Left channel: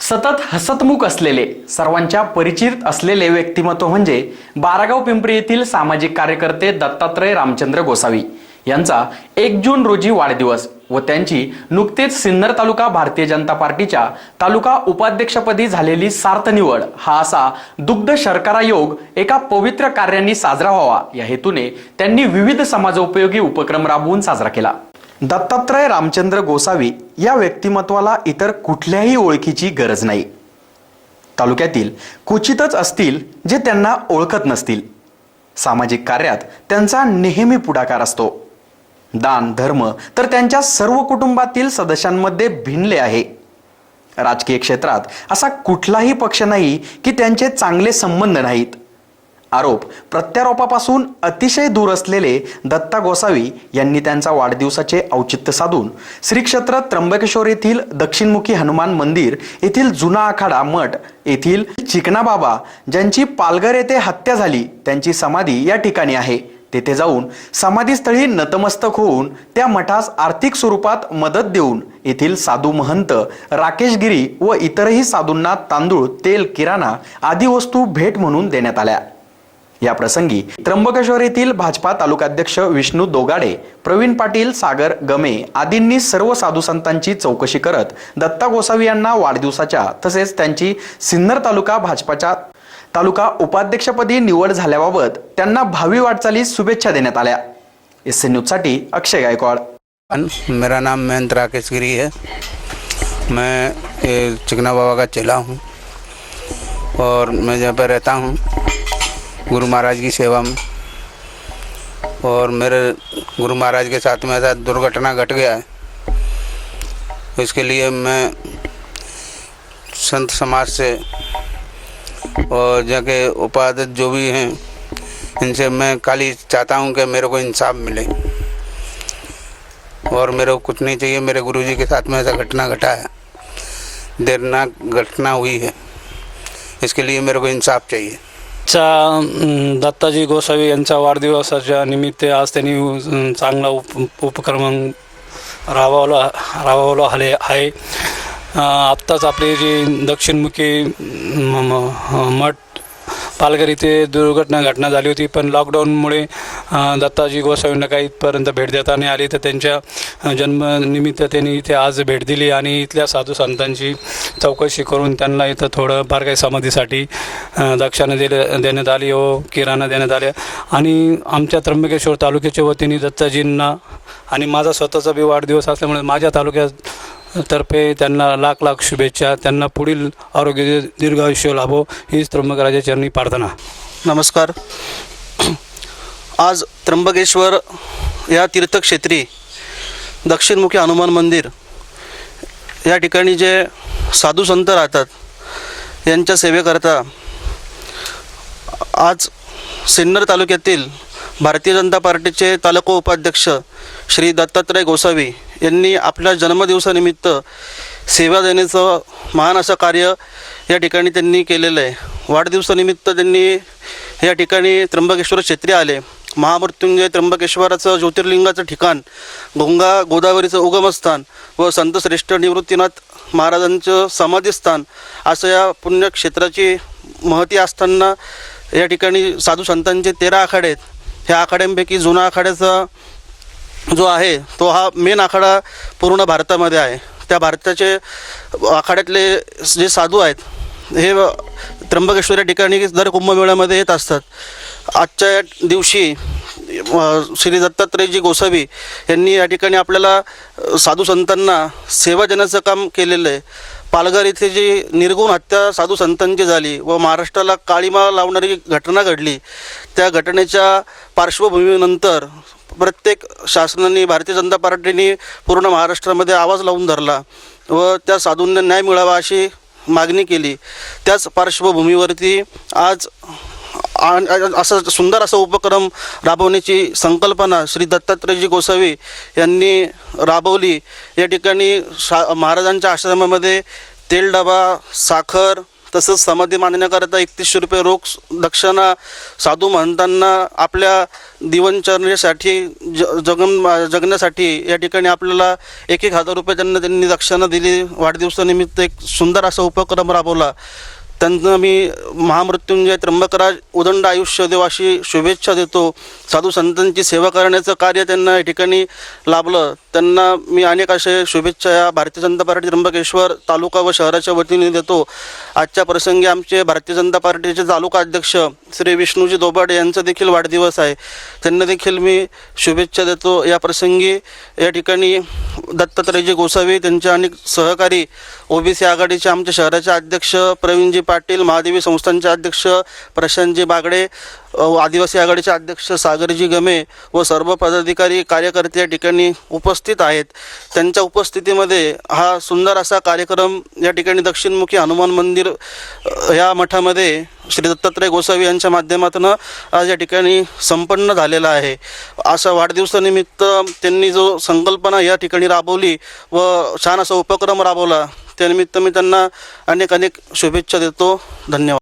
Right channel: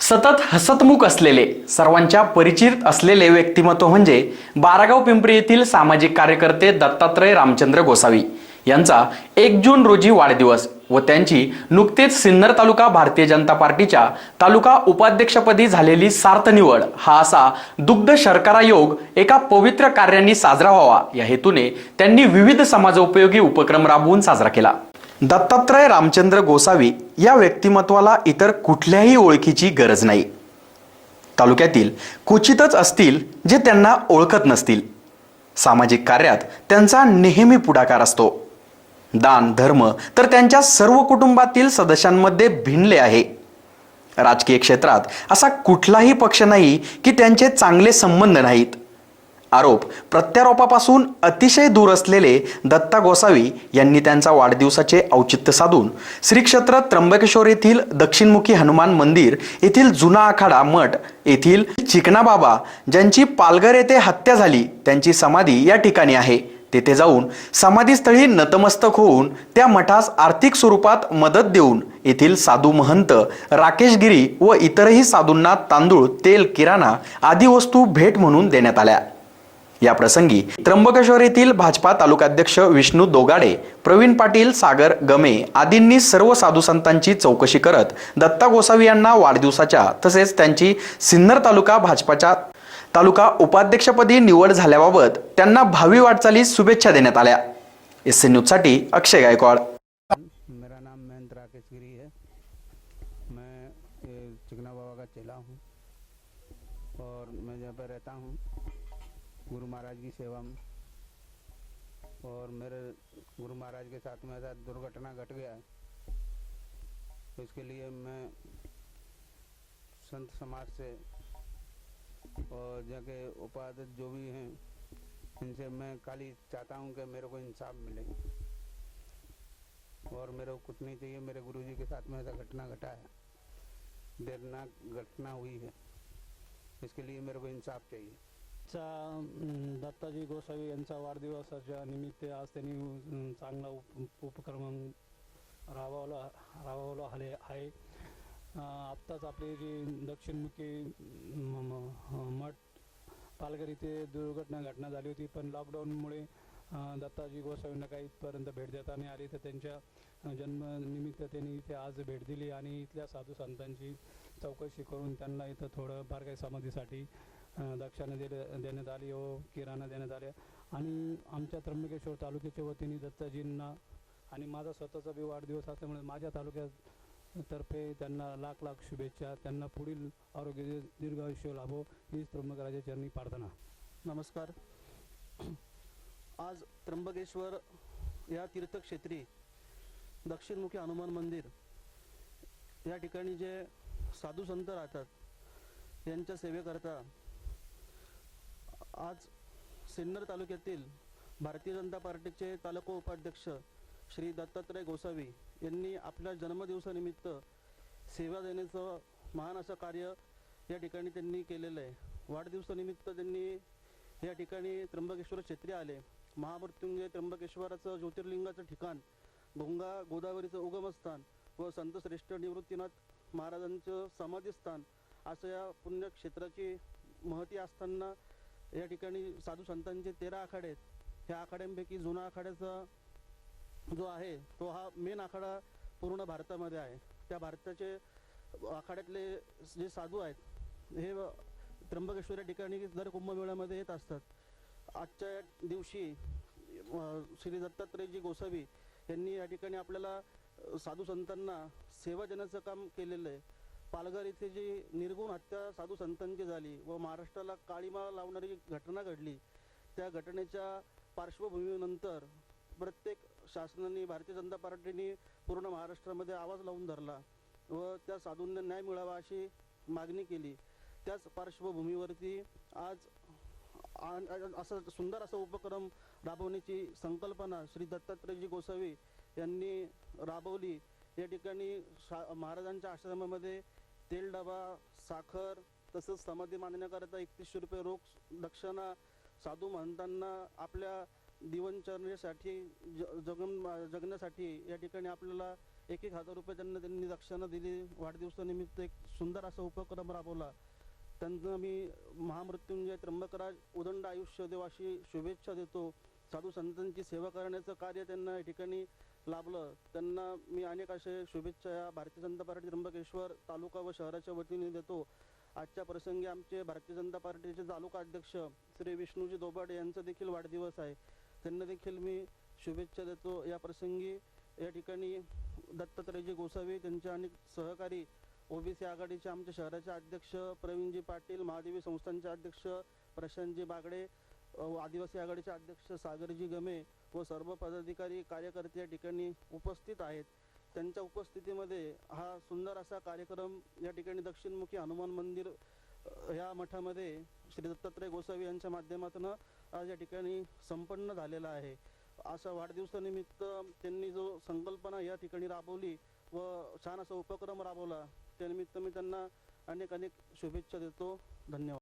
सतत हसतमुख असलेले सर्वांच्या परिचित असलेले व्यक्तिमत्व म्हणजे बारागाव पिंपरी येथील सामाजिक कार्यकर्ते दत्तात्रय रामचंद्र गोसावी. यांचा एक जून रोजी वाढदिवस व त्यांची नुकतेच सिन्नर तालुका भारतीय जनता पार्टीच्या तालुका उपाध्यक्षपदी झालेली सार्थ निवड हा असा दुग्ध शर्करा योग एका पवित्र कार्याने साजरा व्हावा. या हेतूने त्यांनी विविध समाजोपयोगी उपक्रम राबवून साजरा केला. दत्तात्रय रामचंद्र गोसावी या व्यक्तिमत्वाला इतर कुठल्याही ओळखीची गरज नाही. तालुक्यातील क्वचितच असतील जे त्यांना ओळखत नसतील. सामाजिक कार्यात त्यांचा नेहमी पुढाकार असतो. दान धर्म तर त्यांच्या सर्व कुटुंबातील सदस्यांमध्ये भिनले आहे. राजकीय क्षेत्रात असा कुठलाही पक्ष नाही की त्यांचे चांगले संबंध नाहीत. आरोप प्रत्यारोपापासून अतिशय दूर असलेले दत्ता गोसावी यांनी त्यांचा वाढदिवसाचे औचित्य साधून श्रीक्षेत्र त्र्यंबकेश्वर येथील दक्षिणमुखी हनुमान मंदिर येथील जुना आखाडा मठ येथील चिकणाबाबा ज्यांची पालघर येथे हत्या झाली त्यांची समाधी या ठिकाणी आहे. तेथे जाऊन समाधीस्थळी नतमस्तक होऊन त्या मठास आर्थिक स्वरूपात मदत देऊन येथील साधू महंत राकेश गिरी व इतरही साधूंना तांदूळ तेल किराणा आदी वस्तू भेट म्हणून देण्यात आल्या. या प्रसंगी त्र्यंबकेश्वर येथील भाजपा तालुकाध्यक्ष विष्णू दोगाडे प्रवीण पाटील सागर गमे आदींनी सर्व साधू संतांची चौकशी करत दत्ता गोसावी यांना वाढदिवसाच्या तसेच त्यांची सिन्नर तालुका भाजपाच्या तालुका उपाध्यक्षपदी निवड झाल्याबाबत त्यांना भावी वाटचालीस शुभेच्छा देण्यात आल्या. एस एन न्यूजसाठी अक्षय गायकवाड. मेरा नाम मयंत राकेश गिरी है। मैं चिकना बाबा का चेला हूँ। और मैं जहाँ पर रहता हूँ। गुरु महाराज की सेवा में। और मेरे गुरु महाराज के साथ में ऐसा दुर्घटना घट गया है। इसके लिए मैं संत समाज से और जगह उपाध्यक्ष जो भी हैं, इनसे मैं खाली चाहता हूँ कि मेरे को इंसाफ मिले। और मेरे को कुछ नहीं चाहिए, मेरे गुरुजी के साथ में ऐसा घटना घटा है। देरनाक घटना हुई है। इसके लिए मेरे को इंसाफ चाहिए। चा दत्ताजी गोसावी यांच्या वाढदिवसाच्या निमित्त आज त्यांनी चांगला उप उपक्रम राबवला राबवला आले आहे. आत्ताच आपले जे दक्षिणमुखी म- म- मठ पालघर इथे दुर्घटना घटना झाली होती पण लॉकडाऊनमुळे दत्ताजी गोसावींना काही इथपर्यंत भेट देता नाही आली. तर त्यांच्या जन्मनिमित्त त्यांनी इथे आज भेट दिली आणि इथल्या साधू संतांची चौकशी करून त्यांना इथं थोडं फार काही समाधीसाठी अं, दक्षिणा दिले देण्यात आली हो किराणा देण्यात आल्या. आणि आमच्या त्र्यंबकेश्वर तालुक्याच्या वतीने दत्ताजींना आणि माझा स्वतःचा बी वाढदिवस असल्यामुळे माझ्या तालुक्यात तर्फे त्यांना लाख लाख शुभेच्छा. त्यांना पुढील आरोग्य दीर्घ आयुष्य लाभो. हीच त्र्यंबकराजा चरणी प्रार्थना. नमस्कार. आज त्र्यंबकेश्वर या तीर्थक्षेत्री दक्षिणमुखी हनुमान मंदिर या ठिकाणी जे साधू संत राहतात यांच्या सेवेकरता आज सिन्नर तालुक्यातील भारतीय जनता पार्टीचे तालुका उपाध्यक्ष श्री दत्तात्रय गोसावी यांनी आपल्या जन्मदिवसानिमित्त सेवा देण्याचं महान असं कार्य या ठिकाणी त्यांनी केलेलं आहे. वाढदिवसानिमित्त त्यांनी या ठिकाणी त्र्यंबकेश्वर क्षेत्री आले. महामृत्युंजय त्र्यंबकेश्वराचं ज्योतिर्लिंगाचं ठिकाण गंगा गोदावरीचं उगमस्थान व संतश्रेष्ठ निवृत्तीनाथ महाराजांचं समाधीस्थान असं या पुण्यक्षेत्राची महती असताना या ठिकाणी साधू संतांचे तेरा आखाडे आहेत. ह्या आखाड्यांपैकी जुना आखाड्याचा जो आहे तो हा मेन आखाडा पूर्ण भारतामध्ये आहे. त्या भारताचे आखाड्यातले जे साधू आहेत हे त्र्यंबकेश्वर या ठिकाणी दर कुंभमेळ्यामध्ये येत असतात. आजच्या या दिवशी श्री दत्तात्रयजी गोसावी यांनी या ठिकाणी आपल्याला साधू संतांना सेवा देण्याचं काम केलेलं आहे. पालघर इथे जी निर्गुण हत्या साधू संतांची झाली व महाराष्ट्राला काळीमा लावणारी घटना घडली त्या घटनेच्या पार्श्वभूमीनंतर प्रत्येक शासनाने भारतीय जनता पार्टीने पूर्ण महाराष्ट्रामध्ये आवाज लावून धरला व त्या साधूंना न्याय मिळावा अशी मागणी केली. त्याच पार्श्वभूमीवरती आज आ- असं सुंदर असा उपक्रम राबवण्याची संकल्पना श्री दत्तात्रयजी गोसावी यांनी राबवली. या ठिकाणी शा महाराजांच्या आश्रमामध्ये तेल डबा साखर तसंच समाधी मांडण्याकरता एकतीसशे रुपये रोख दक्षिणा साधू महंतांना आपल्या दिवनचरणेसाठी ज जगन जगण्यासाठी या ठिकाणी आपल्याला एक एक हजार रुपये त्यांना त्यांनी दक्षिणा दिली. वाढदिवसानिमित्त एक सुंदर असा उपक्रम राबवला. त्यांना मी महामृत्युंजय त्र्यंबकराज उदंड आयुष्य देव अशी शुभेच्छा देतो. साधू संतांची सेवा करण्याचं कार्य त्यांना या ठिकाणी लाभलं. त्यांना मी अनेक असे शुभेच्छा या भारतीय जनता पार्टी त्र्यंबकेश्वर तालुका व शहराच्या वतीने देतो. आजच्या प्रसंगी आमचे भारतीय जनता पार्टीचे तालुका अध्यक्ष श्री विष्णूजी दोबाडे यांचा देखील वाढदिवस आहे. त्यांना देखील मी शुभेच्छा देतो. या प्रसंगी या ठिकाणी दत्तात्रयजी गोसावी त्यांचे अनेक सहकारी ओबीसी आघाडीचे आमच्या शहराचे अध्यक्ष प्रवीणजी पाटील महादेवी संस्थांचे अध्यक्ष प्रशांतजी बागडे आदिवासी आघाडीचे अध्यक्ष सागरजी गमे व सर्व पदाधिकारी कार्यकर्ते या ठिकाणी उपस्थित आहेत. त्यांच्या उपस्थितीमध्ये हा सुंदर असा कार्यक्रम या ठिकाणी दक्षिणमुखी हनुमान मंदिर या मठामध्ये श्री दत्तात्रय गोसावी यांच्या माध्यमातून आज या ठिकाणी संपन्न झालेला आहे. असा वाढदिवसानिमित्त त्यांनी जो संकल्पना या ठिकाणी राबवली व छान असा उपक्रम राबवला त्यानिमित्त मी त्यांना अनेक अनेक शुभेच्छा देतो. धन्यवाद.